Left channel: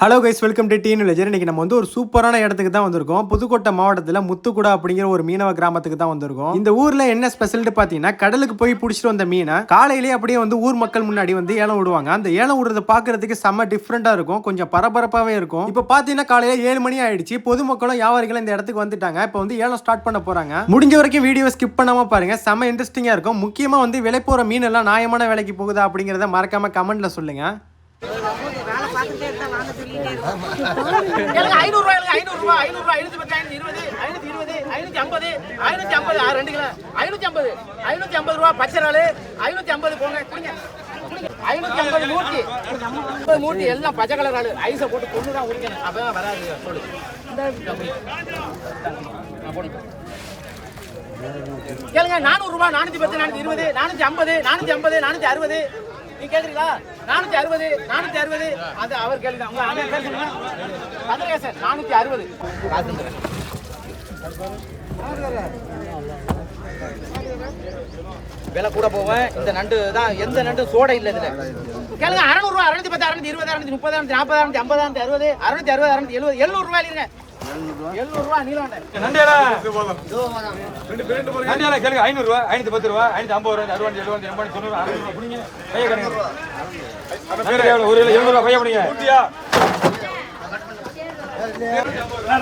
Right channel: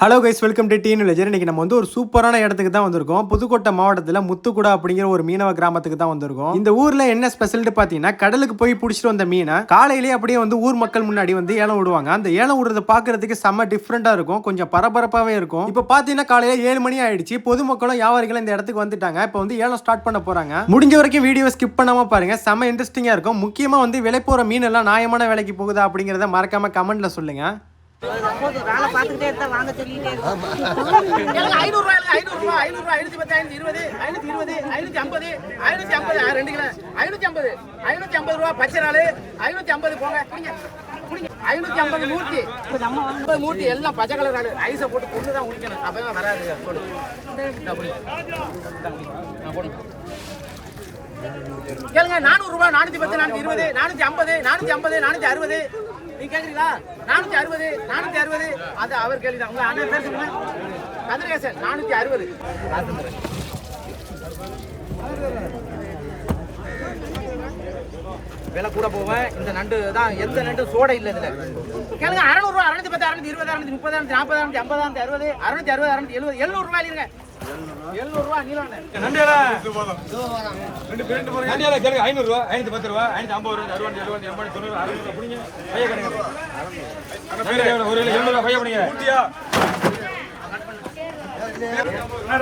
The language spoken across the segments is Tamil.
Hello guys, welcome to teen villager. இன்னைக்கு நம்ம ஒரு சூப்பரான இடத்துக்கு தான் வந்திருக்கோம். புதுக்கோட்டை மாவட்டத்தில் முத்துக்குடா அப்படிங்கிற ஒரு மீனவ கிராமத்துக்கு தான் வந்திருக்கோம். இந்த ஊர்ல என்ன ஸ்பெஷல்ட்டு பார்த்தீங்கன்னா, கடலுக்கு போய் பிடிச்சிட்டு வந்த மீனை காலையிலேயே அப்படியே ஊர் மக்கள் முன்னாடி ஏலம் விடுவாங்க. அந்த ஏலம் விடுறத பார்க்கறதுக்கு செம்ம டிஃப்ரெண்டா இருக்கும், கொஞ்சம் பரபரப்பாகவே இருக்கும். இப்போ பார்த்தீங்கன்னா காலையில 7 மணி ஆயிடுச்சு. பொதுமக்களும் வியாபாரிகளும் இந்த இடத்துக்கு வந்துட்டாங்க. இப்போ ஏலம் ஸ்டார்ட் பண்ண போறாங்க. முடிஞ்ச வரைக்கும் வீடியோ ஸ்கிப் பண்ணாம பாருங்க, செம்ம இன்ட்ரெஸ்டிங்கா இருக்கும். முக்கியமா விலை போற மீன் எல்லாம் நியாயமான விலைக்கு போகுதா அப்படிங்கறத மறக்காம கமெண்ட்ல சொல்லுங்க. மூட்டி எல்லாம் பச்சை கலர் ஐஸை போட்டு கொண்டுதான் குடிக்கணும், அப்பதான் வராது. சொல்லு கேளுங்க. 400 ரூபாய், 410, 420, 450, 450, 460. நீ கேக்குறீங்களா? 460, 460. அது அவர் கேளுங்க. உங்க அண்ணன் பேர் சொல்லுங்க. கதிரேசன். 460. விலை கூட போவேன். இந்த நண்டு தான், எந்த நண்டு சோடை இல்லை இதுல. கேளுங்க. 600 ரூபாய், 610, 620, 630, 640, 650, 660, 660, 670, 700 ரூபாய் இல்லைங்க. 700 ரூபாய் நீலாம் நண்டியால கேளுங்க. 500 ரூபாய், 510 ரூபாய், 550 ரூபாய், 60, 70, 80, 90, 600 புடிங்க. கைய கணக்கு நண்டு ஒரு 700 ரூபாய் கைய புடிங்க.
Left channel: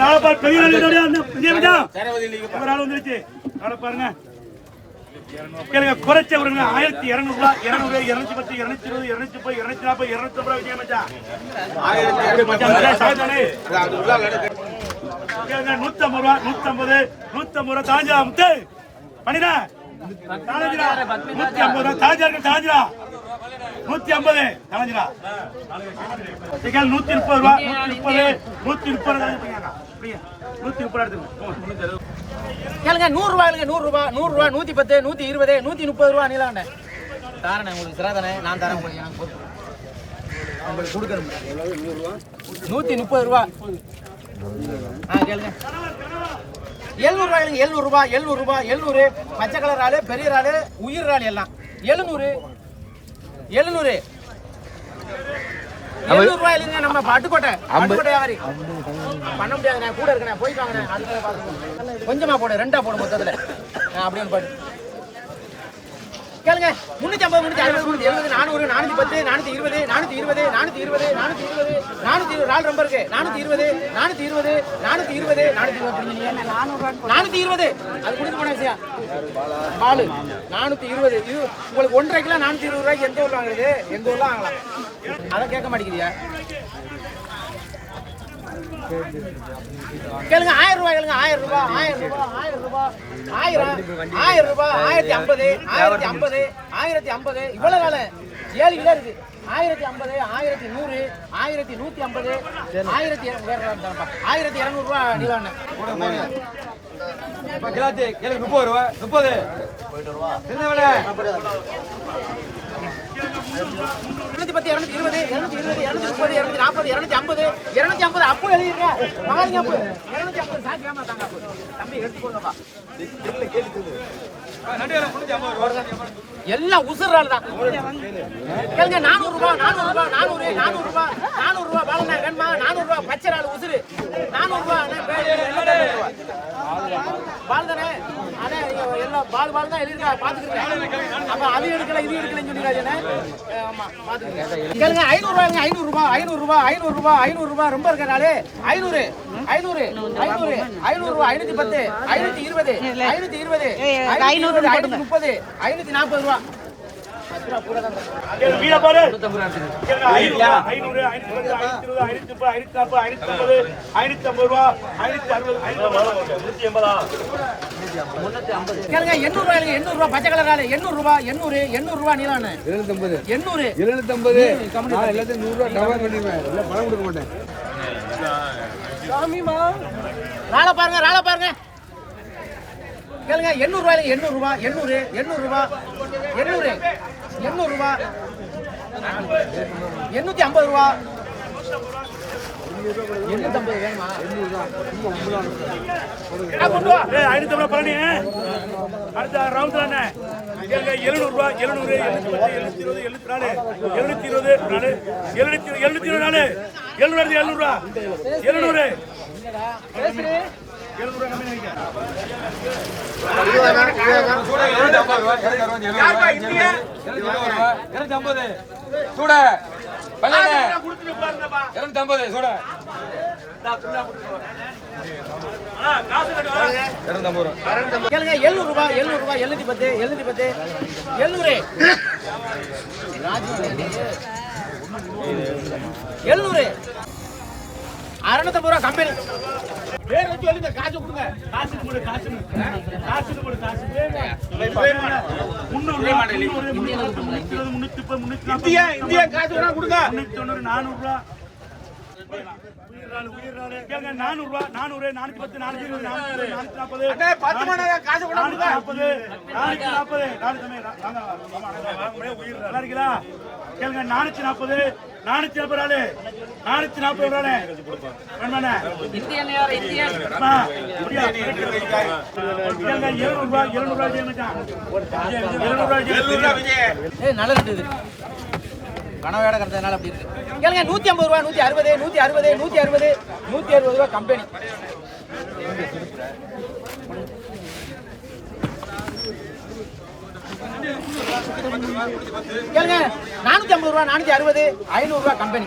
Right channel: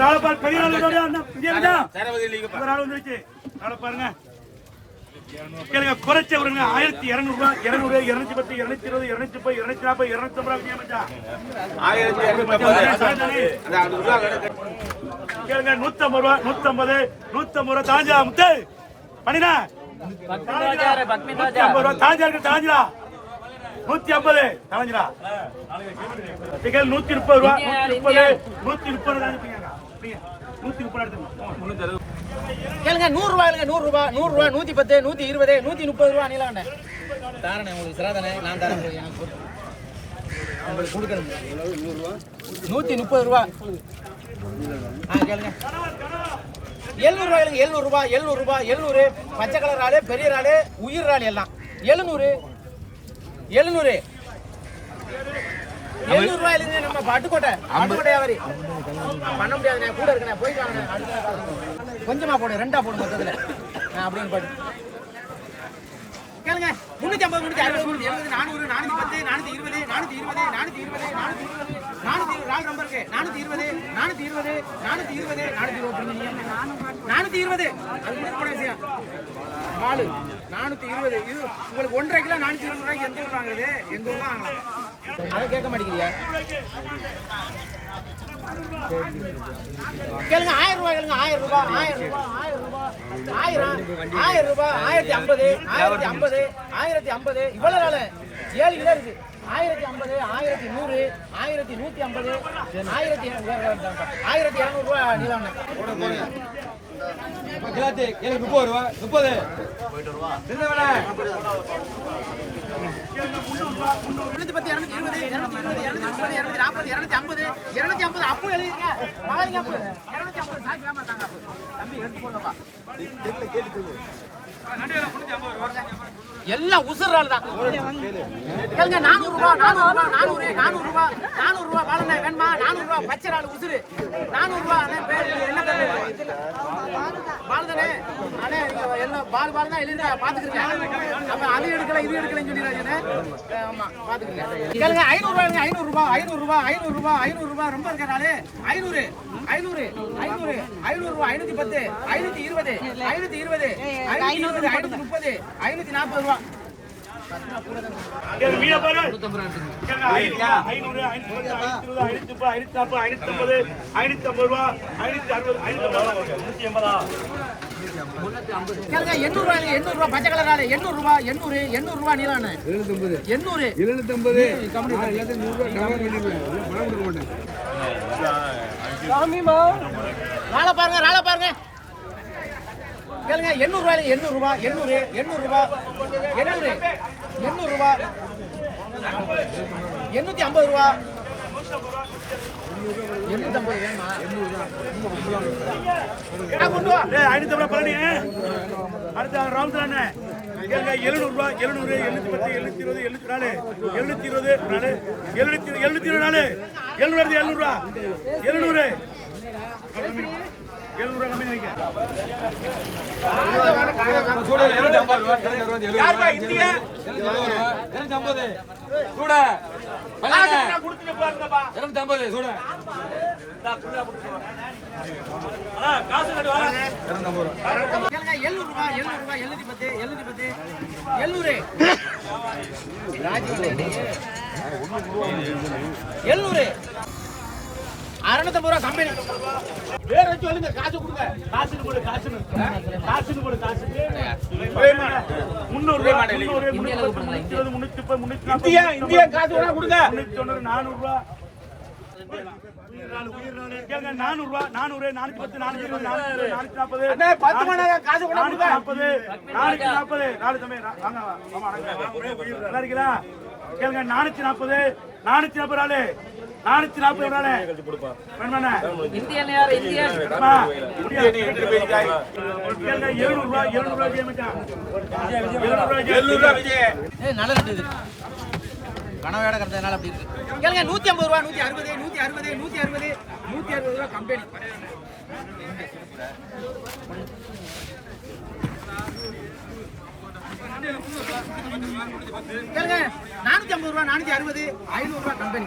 ராளப்பார் பெரிய ஆளுடைய அந்த விஜயவிஜா சரவதி லீக் ஒரு ஆள் வந்துருச்சு. ராளப்பாருங்க கேளுங்க. குறைச்ச விடுங்க. 1200 ரூபாய், 200, 210, 220, 230, 240, 250 ரூபாய் விஜய மச்சான். 1000 கேளுங்க. 150 ரூபாய், 150, 150 ரூபாய் தாஞ்சா முத்து பண்ணினா தாஞ்சா 150 ரூபாய் தாஞ்சா இருக்கு. தாஞ்சா 150 தாஞ்சா. கேள் 130 ரூபாய், 130, 130 130 கேளுங்க. 100 ரூபாய், 100 ரூபாய், 100 ரூபாய், 110, 120, 130 ரூபாய் நீலாண்ட தாரணே. உங்களுக்கு சிறாதானே, நான் தரேன். உங்களுக்கு கொடுக்கணும். 130 ரூபாய். கேளுங்க. 700 ரூபாய், 700 ரூபாய், 700 ரூபாய், 700. பச்சை கலர் ஆளு, பெரிய ஆளு, உயிர் ஆளு எல்லாம் 700, 700, 700 ரூபாய் இல்லைங்க. நம்ம பட்டுக்கோட்டை வியாபாரி பண்ண முடியாது. நான் கூட இருக்கேன், போய் வாங்க. கொஞ்சமா போடு, 2ஆ போடு மொத்தத்துல. அப்படின்னு பாடு. கேளுங்க. 350, 360, 370, 400, 410, 420, 420, 420, 420, 420. ரால் ரொம்ப இருக்கு. 420, 420, 420, 420. அது கொடுக்க போன விஷயம். 420. இது உங்களுக்கு 1.5 கிலோ 420 ரூபாய்க்கு எந்த ஊர்ல வாங்குறது? எங்க ஊர்ல வாங்கலாம். அதை கேட்க மாட்டேங்கிறியா? கேளுங்க. 1000 ரூபாய் கேளுங்க. 1000 ரூபாய், 1000 ரூபாய், 1000 ரூபாய், 1000 ரூபாய், 1050, 1050, 1050. இவ்வளவு நாள் 7 கிலோ இருக்கு. 1050, 1100, 1150, 1200 ரூபாய் நீ வாங்க. கிலாத்தி கேளுங்க. 30 ரூபாய், 30 210, 220, 220, 230, 240, 250, 250. அப்பு எழுதிருக்க மகாலிங்க. அப்பு 250 சாக்கு ஏமாத்தாங்க. அப்பு தம்பி எடுத்து போங்கப்பா. எல்லாம் உசுறாள் தான். கேளுங்க. 400 ரூபாய், 400 ரூபாய், 400, 400 ரூபாய், 400 ரூபாய். பாலண்ணா வேணுமா? 400 ரூபாய் பச்சை ஆளு உசுறு. 400 ரூபாய். என்ன பேர்? பால் தானே அண்ணே. நீங்க எல்லாம் பால் தான் எழுதிருக்கா, பாத்துக்கிறீங்க. அப்ப அது எடுக்கல இது எடுக்கலன்னு சொல்லிடுறாஜனே. ஆமா பாத்துக்கிறீங்க. கேளுங்க. 500 ரூபாய், 500 ரூபாய், 500 ரூபாய், 500 ரூபாய், 500 ரூபாய். ரொம்ப இருக்கனாலே 500, 500, 500, 500 ரூபாய், 510, 520, 520, 520, 530, 540 ரூபாய். மீன பாரு. 500, 500, 520, 540, 550, 550 ரூபாய், 560, 180. கேளுங்க. 800 ரூபாய், 800 ரூபாய் பச்சை கலர் ஆளு. 800 ரூபாய், 800, 800 ரூபாய் நீலானே. 800, 800, 100 ராள பாருங்க, ராள பாருங்க. கேளுங்க. 800 ரூபாய், 800 ரூபாய், 800, 800 ரூபாய், 800, 800 ரூபாய், 850 ரூபாய், 850 வேணுமா? கொண்டு வா. 550 பழனி. அடுத்த ரவுண்ட் தானே. 700 ரூபாய், 700, 710, 720, 724, 720, 720, 724. 700 ரூபா 700 700 கம்மி வைக்க காசு கட்டு வர கேளுங்க 700 ரூபாய் 710 710 700 650 ரூபா கம்பெனி வேற வச்சு எழுங்க காசு கொடுங்க காசு போடு காசு 300 ரூபா 320 இந்தியா காசு வேணா கொடுங்க 390 400 ரூபா கேளுங்க 400 ரூபா 400 410 420 440 காசு வேணா 440 நாலு தம்பி வாங்க நல்லா இருக்கீங்களா கேளுங்க 440 440 440 ரூபாய் வேணுமாண்ணே இந்தியா அம்மா, முடியா? கேளுங்க 700 ரூபாய் 700 ரூபாய் மச்சான் 700 ரூபாய் ஏய் நல்ல ரேட் இது கனவேட கறந்ததனால அப்படி இருக்கு கேளுங்க 150 ரூபா 160 ரூபா கம்பெனி கேளுங்க 450 ரூபா 460 500 ரூபா கம்பெனி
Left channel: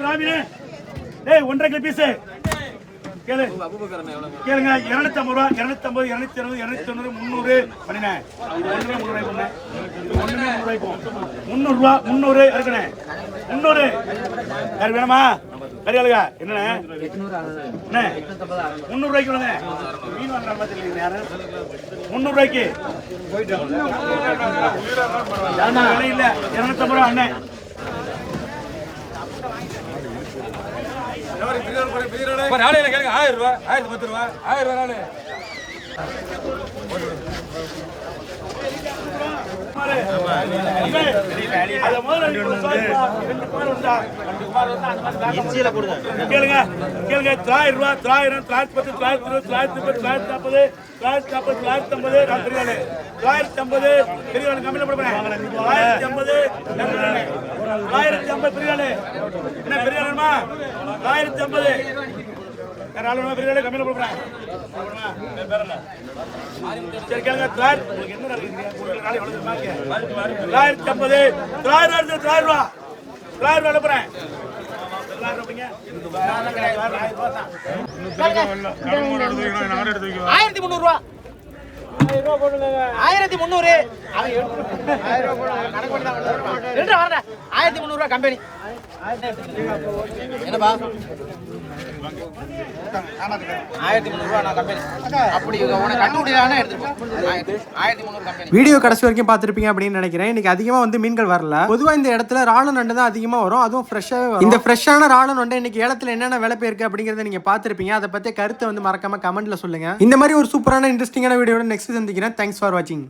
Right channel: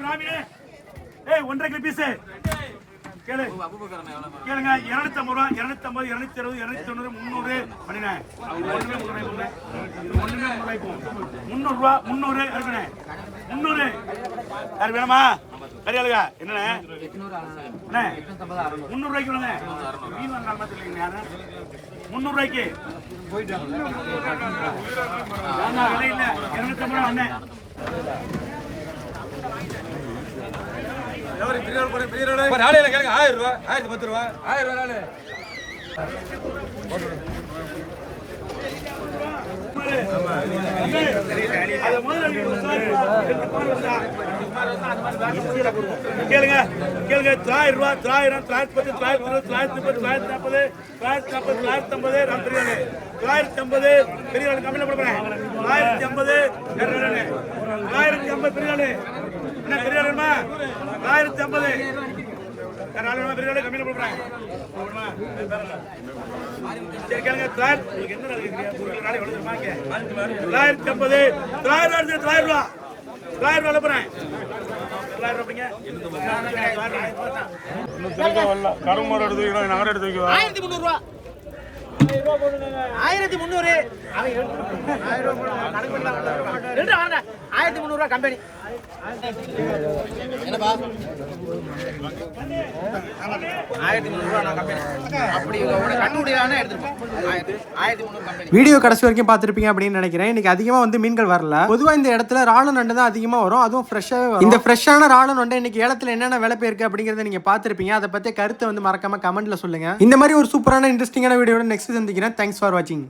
பிராமினே டேய் 1.5 கிலோ பீஸ் கேளு கேளுங்க 250 ரூபா 250 260 290 300 பண்ணினே இது ஒண்ணுமே 300 ரூபாய் போனே இது ஒண்ணுமே 300 ரூபாய் போ 300 ரூபா 300 இருக்கனே 300 யார் வேணுமா கரியாளுங்க என்னண்ணே 300 ரூபாய்க்கு வேணுங்க மீன் வாங்குற மாதிரி இல்லைங்க யாரு 300 ரூபாய்க்கு அண்ணா விலை இல்ல 250 ரூபா அண்ணே நாளையில கேளுங்க 1000 ரூபாய் 1010 ரூபாய் 1000 ரூபாய் நாளு கேளுங்க கேளுங்க 1000 ரூபாய் 1000 1010 920 930 940 950 950 பெரிய கம்மியில போடுறேன் 950 950 பெரிய என்ன பெரிய ஆளுமா 950 பெரிய கம்மியில போடுறேன் சரி கேளுங்க உங்களுக்கு என்ன நடக்குது 950 900 ரூபா 900 ரூபா போறேன் 1300 ரூபா 1300 1300 ரூபா கம்பெனி என்னப்பா 1300 ரூபா நான் கம்பெனி அப்படி உனக்கு கண்டுபிடிக்கலாம்னா எடுத்துப்போம் 1300 கம்பெனி வீடியோ கடைசி வரைக்கும் பார்த்திருப்பீங்க அப்படின்னு நினைக்கிறேன். இன்னைக்கு அதிகமா வந்து மீன்கள் வரல. பொதுவா இந்த இடத்துல ராள நண்டு தான் அதிகமா வரும், அதுவும் ஃப்ரெஷ்ஷாவே வரும். இந்த ஃப்ரெஷ்ஷான ராள நண்டு இன்னைக்கு ஏலத்துல என்னென்ன விலை போயிருக்கு அப்படிங்கறத நீங்க பார்த்திருப்பீங்க. அதை பத்தி கருத்தை வந்து மறக்காம கமெண்ட்ல சொல்லுங்க. இந்த மாதிரி ஒரு சூப்பரான இன்ட்ரெஸ்டிங்கான வீடியோட நெக்ஸ்ட் சந்திக்கிறேன். தேங்க்ஸ் ஃபார் வாட்சிங்.